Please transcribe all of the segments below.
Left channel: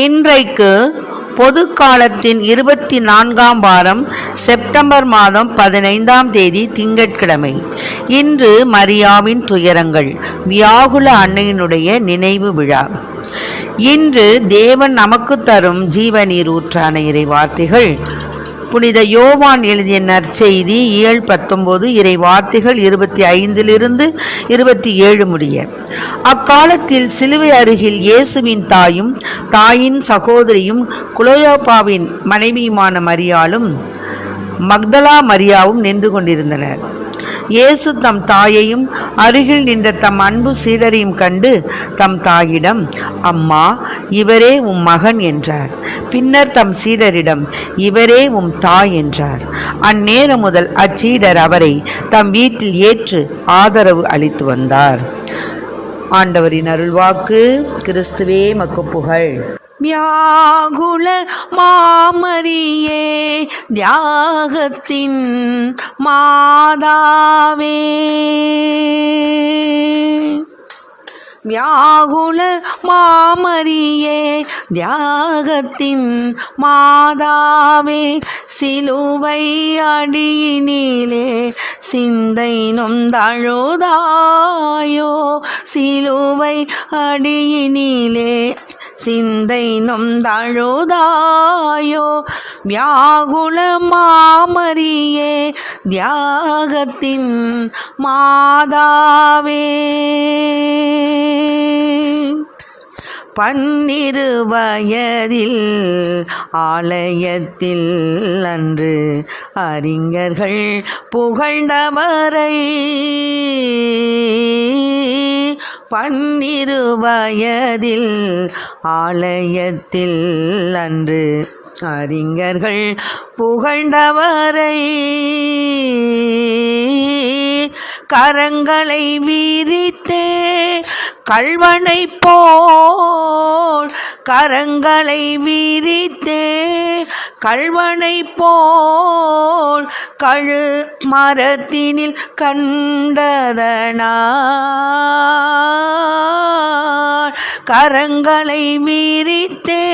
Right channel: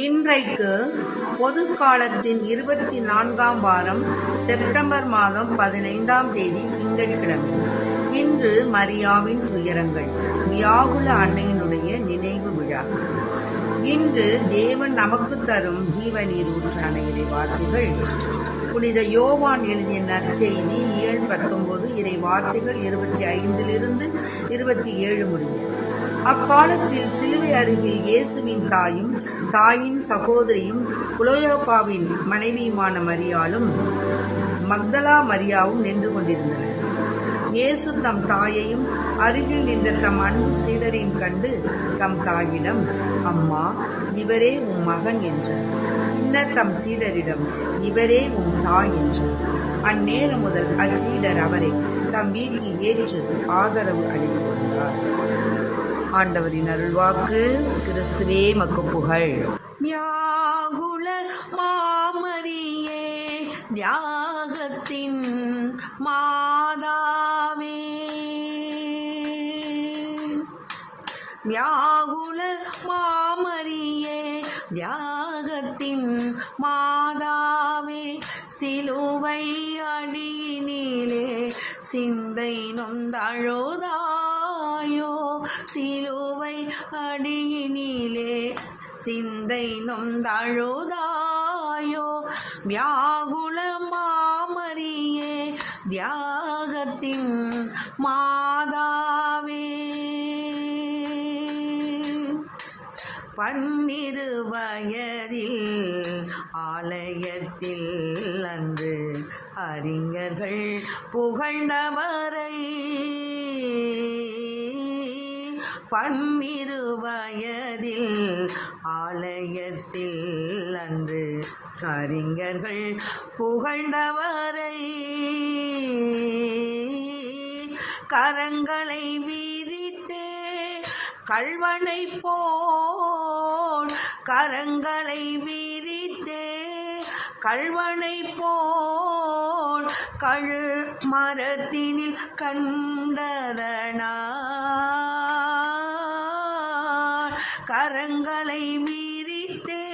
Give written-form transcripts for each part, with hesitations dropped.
இன்றைக்கு பொது காலத்தின் 24ஆம் வாரம் செப்டம்பர் மாதம் 15ஆம் தேதி திங்கட்கிழமை. இன்று மரியாவின் துயரங்கள், வியாகுல அன்னையினுடைய நினைவு விழா. இன்று தேவன் நமக்கு தரும் ஜீவநீர் ஊற்றான இறை வார்த்தைகள் புனித யோவான் எழுதிய நற்செய்தி 7:19, இறை வார்த்தைகள் 25 27 முடிய. அக்காலத்தில் சிலுவை அருகில் இயேசுவின் தாயும் தாயின் சகோதரியும் குலோயோப்பாவின் மனைவியுமான மரியாளும் மக்தலா மரியாவும் நின்று கொண்டிருந்தனர். இயேசு தம் தாயையும் அருகில் நின்ற தம் அன்பு சீடரையும் கண்டு தம் தாயிடம், அம்மா, இவரே உம் மகன் என்றார். பின்னர் தம் சீடரிடம், இவரே உம் தாய் என்றார். அந்நேரம் முதல் அச்சீடர் அவரை தம் வீட்டில் ஏற்று ஆதரவு அளித்து வந்தார். ஆண்டவரின் அருள்வாக்கு. கிறிஸ்துவே மக்கு புகழ். வியாகுல மாமரியே, தியாகத்தின் மாதாவே, வியாகுல மாமரியே, தியாகத்தின் மாதாவே, சிலுவை அடியினிலே சிந்தை நொந்தழுதாயோ, சிலுவை அடியினிலே சிந்தை நொந்தழுதாயோ, வியாகுல மாமரியே, தியாகத்தின் மாதாவே. 12 வயதில் ஆலயத்தில் அன்று அறிஞர்கள் புகழ்ந்தவரை, 12 வயதில் ஆலயத்தில் அன்று அறிஞர்கள் புகழ்ந்தவரை, கரங்களை விரித்தே கள்வனை போல், கரங்களை விரித்தே கள்வனை போல் கழு மரத்தினில் கண்டதனார், கரங்களை விரித்தே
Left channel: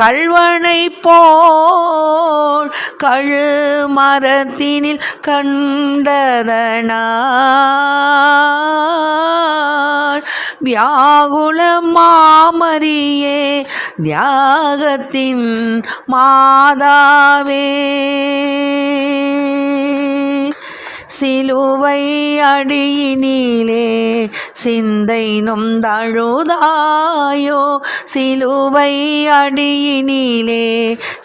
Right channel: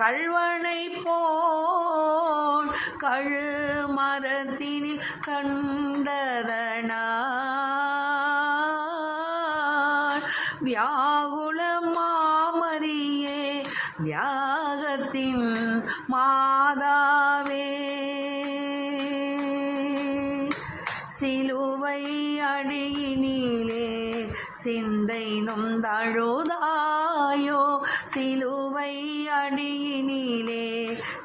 கள்வனை போல் கழு மரத்தினில் கண்டதனார், வியாகுல மாமரியே, தியாகத்தின் மாதாவே. சிலுவை அடியினிலே சிந்தை நொந்தழுதாயோ, சிலுவை அடியினிலே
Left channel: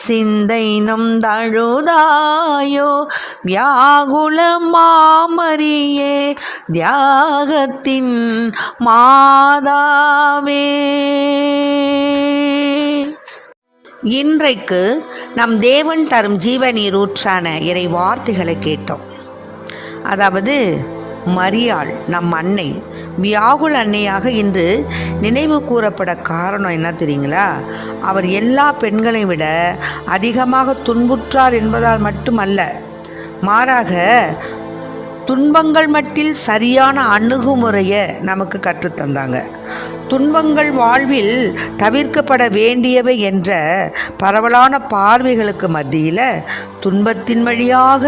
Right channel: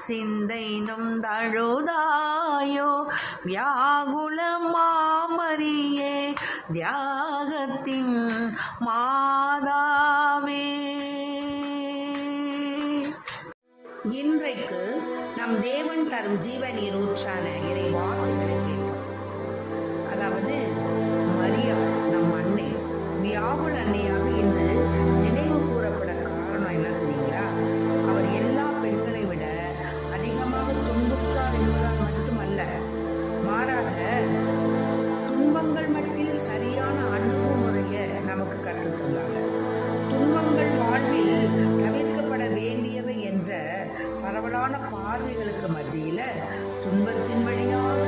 சிந்தை நொந்தழுதாயோ, வியாகுல மாமரியே, தியாகத்தின் மாதாவே. இன்றைக்கு நம் தேவன் தரும் ஜீவநீர் ஊற்றான இறை வார்த்தைகளை கேட்டோம். அதாவது மரியாள் நம் அன்னை, வியாகுல அன்னையாக இன்று நினைவு கூறப்பட காரணம் என்ன தெரியுங்களா? அவர் எல்லா பெண்களை விட அதிகமாக துன்புற்றார் என்பதால் மட்டுமல்ல, மாறாக துன்பங்கள் மட்டில் சரியான அணுகுமுறையை நமக்கு கற்றுத்தந்தாங்க. துன்பங்கள் வாழ்வில் தவிர்க்கப்பட வேண்டியவை என்ற பரவலான பார்வைகளுக்கு மத்தியில் துன்பத்தின் வழியாக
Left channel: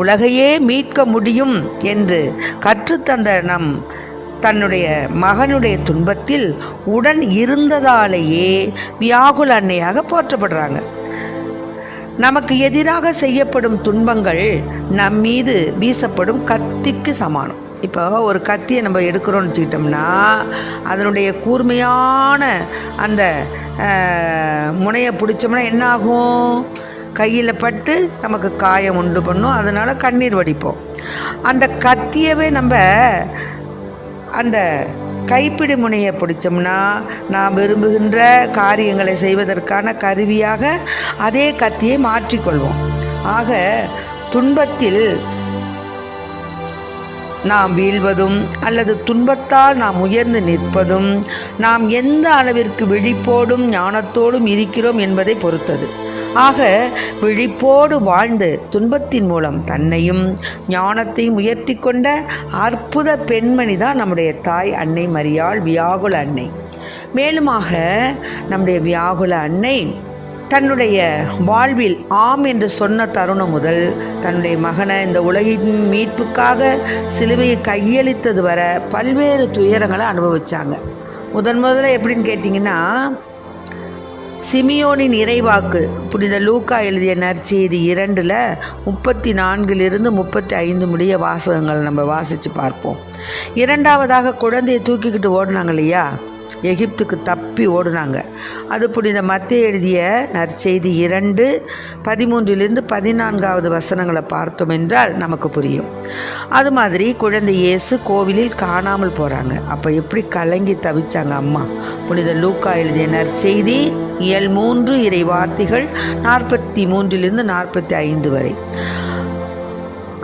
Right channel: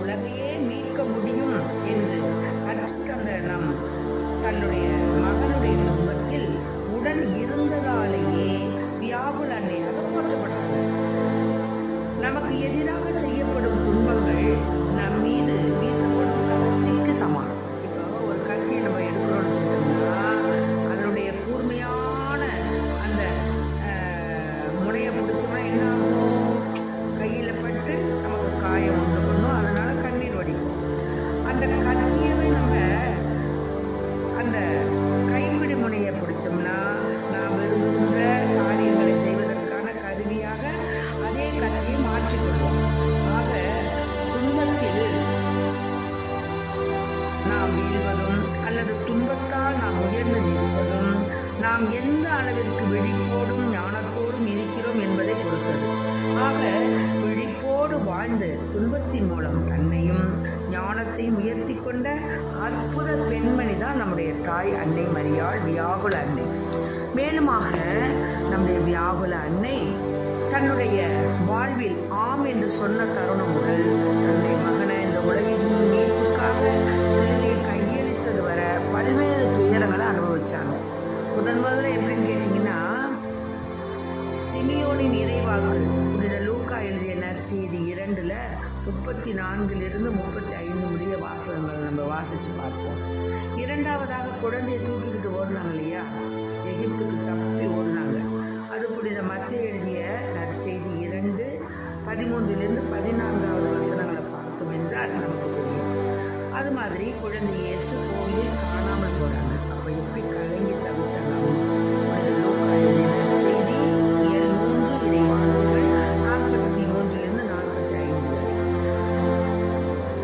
உலகையே மீட்க முடியும் என்று கற்றுத்தந்த தன்னுடைய மகனுடைய துன்பத்தில் உடன் இருந்ததாலேயே வியாகுல அன்னையாக போற்றப்படுறாங்க. நமக்கு எதிராக செய்யப்படும் துன்பங்கள் நம் மீது வீசப்படும் கத்திக்கு சமானம். இப்போ ஒரு கத்தியை நம்ம எடுக்கிறோன்னு வச்சுக்கிட்டோம்னா அதனுடைய கூர்மையான அந்த முனையை பிடிச்சோம்னா என்ன ஆகும்? கையில் பட்டு நமக்கு காயம் உண்டு பண்ணும். அதனால் கண்ணீர் வடிப்போம். அந்த கத்தியவே நம்ம அந்த கைப்பிடி முனையை பிடிச்சோம்னா நாம் விரும்புகின்ற காரியங்களை செய்வதற்கான கருவியாக அதே கத்தியை மாற்றிக்கொள்வோம். ஆக துன்பத்தில் நாம் வீழ்வதும் அல்லது துன்பத்தால் நாம் உயர்ந்து நிற்பதும் நாம் எந்த அளவிற்கு விழிப்போடும் ஞானத்தோடும் இருக்கிறோம் என்பதை பொறுத்தது. ஆக விழிப்போடு வாழ்ந்து துன்பத்தின் மூலம் தன்னையும் ஞானத்தையும் உயர்த்தி கொண்ட அற்புத பெண்மணி தான் நம்முடைய தாய் அன்னை மரியாள், வியாகுல அன்னை. மேலுமாக நம்முடைய வியாகுல அன்னை தன்னுடைய வாழ்வில் ஆம் என்று சொன்ன தருணம் முதல் தன்னுடைய மகனை இந்த உலகின் மீட்புக்காக சிலுவையை கையளித்தது வர பல்வேறு துயரங்களை அனுபவித்தாங்க. முதல்ல எப்படின்னு கேட்டிங்கன்னா, சிமியோனின் இறைவாக்கு புனித லூக்கா எழுதிய நற்செய்தி 2 34 35 முடிய வாசகங்கள் நம்ம வாசித்து பார்ப்போம். இரண்டாவதாக குழந்தையை தூக்கிக்கிட்டு ஓடினாங்க இல்லையா, எகிப்துக்கு தப்பி ஓடுனாங்க. அது புனித மத்தேயு எழுதிய நற்செய்தி 2 13 14 வசனங்களை பார்த்தோம் என்றால் நமக்கு புரியும். அது மாதிரி குழந்தை இயேசு கோவிலில் காணாமல் போகிறாங்க. அப்போ எப்படி கலங்கி தவிச்சாங்க அம்மா. புனித லூக்கா எழுதிய நற்செய்தி இயல் 3 இறை வார்த்தைகள் 43 45 வரை.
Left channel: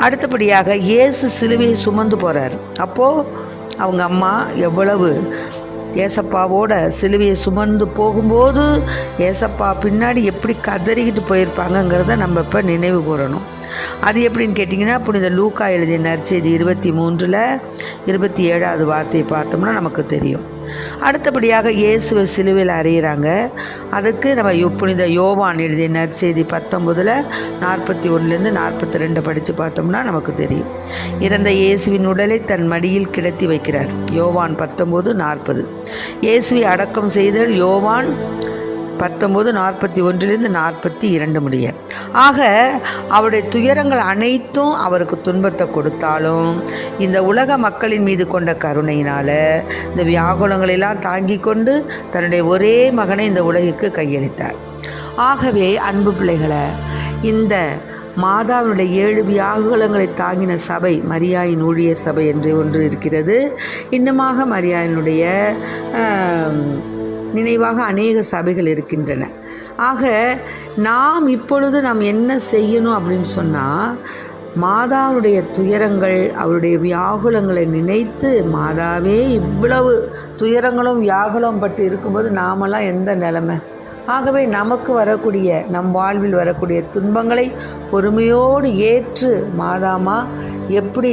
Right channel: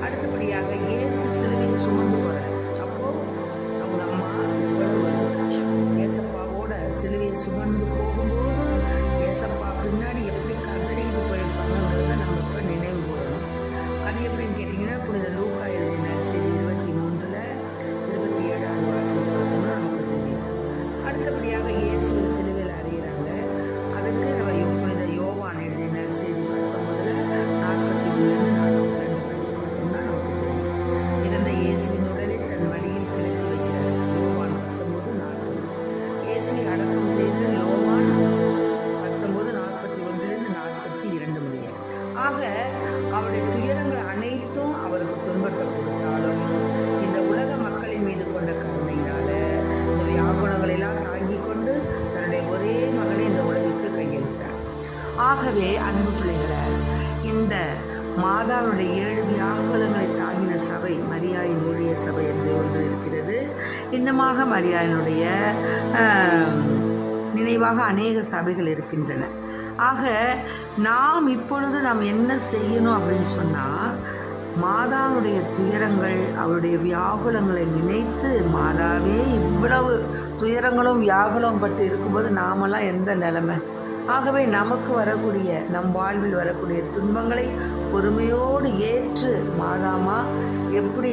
அடுத்தபடியாக இயேசு சிலுவையை சுமந்து போகிறார். அப்போது அவங்க அம்மா எவ்வளவு ஏசப்பாவோட சிலுவையை சுமந்து போகும்போது ஏசப்பா பின்னாடி எப்படி கதறிக்கிட்டு போயிருப்பாங்கங்கிறத நம்ம இப்போ நினைவு கூறணும். அது எப்படின்னு கேட்டிங்கன்னா, புனித லூக்கா எழுதிய நற்செய்தி 23 27 வார்த்தையை பார்த்தோம்னா நமக்கு தெரியும். அடுத்தபடியாக இயேசுவை சிலுவையில் அறையிறாங்க. அதுக்கு நம்ம புனித யோவான் எழுதிய நற்செய்தி 19 41 42 படித்து பார்த்தோம்னா நமக்கு தெரியும். இறந்த இயேசுவின் உடலை தன் மடியில் கிடத்தி வைக்கிறார். யோவான் 19:40. இயேசுவை அடக்கம் செய்தல் யோவான் 19:41 42 முடிய. ஆக அவருடைய துயரங்கள் அனைத்தும் அவருக்கு துன்பத்தை கொடுத்தாலும் இந்த உலக மக்களின் மீது கொண்ட கருணையினால் இந்த வியாகுலங்களெல்லாம் தாங்கி கொண்டு தன்னுடைய ஒரே மகனை இந்த உலகிற்கு கையளித்தார். ஆகவே அன்பு பிள்ளைகளை, இந்த மாதாவுடைய 7 வியாகுலங்களை தாங்கின சபை மரியாயின் ஊழிய சபை என்று ஒன்று இருக்கிறது. இன்னுமாக மரியாயினுடைய நினைவாக அநேக சபைகள் இருக்கின்றன. ஆக இப்பொழுது நாம் என்ன செய்யணும் அப்படின்னு சொன்னால், மாதாவுடைய துயரங்கள் அவருடைய வியாகுலங்களை நினைத்து, மாதாவே இவ்வளவு துயரங்களும் வியாகுலம் பட்டு இருக்கும்போது நாமெல்லாம் எந்த நிலைமை? ஆகவே நமக்கு வரக்கூடிய நம் வாழ்வில் வரக்கூடிய துன்பங்களை பொறுமையோடு ஏற்று மாதாமா எப்படி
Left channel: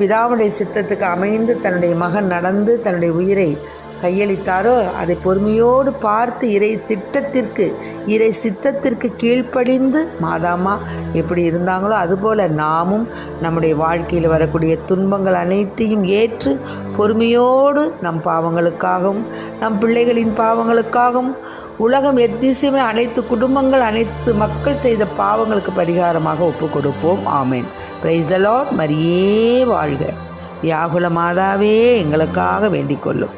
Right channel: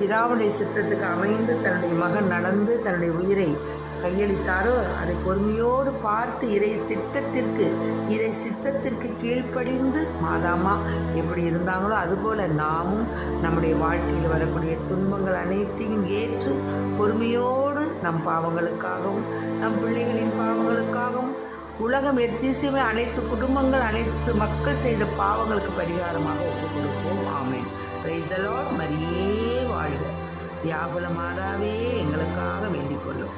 பிதாவுடைய சித்தத்துக்கு அமைந்து தன்னுடைய மகன் நடந்து தன்னுடைய உயிரை கையளித்தாரோ அதை பொறுமையோடு பார்த்து இறை சித்தத்திற்கு கீழ்ப்படிந்து மாதாமா எப்படி இருந்தாங்களோ அதுபோல் நாமும் நம்முடைய வாழ்க்கையில் வரக்கூடிய துன்பங்கள் அனைத்தையும் ஏற்று பொறுமையோடு நம் பாவங்களுக்காகவும் நம் பிள்ளைகளின் பாவங்களுக்காகவும் உலகம் எத்திசையுமே அனைத்து குடும்பங்கள் அனைத்து மக்கள் செய்த பாவங்களுக்கு பரிகாரமாக ஒப்பு கொடுப்போம். ஆமேன். Praise the lord. மரியே வாழ்க. வியாகுல மாதாவே எங்களுக்காக வேண்டிக் கொள்ளும்.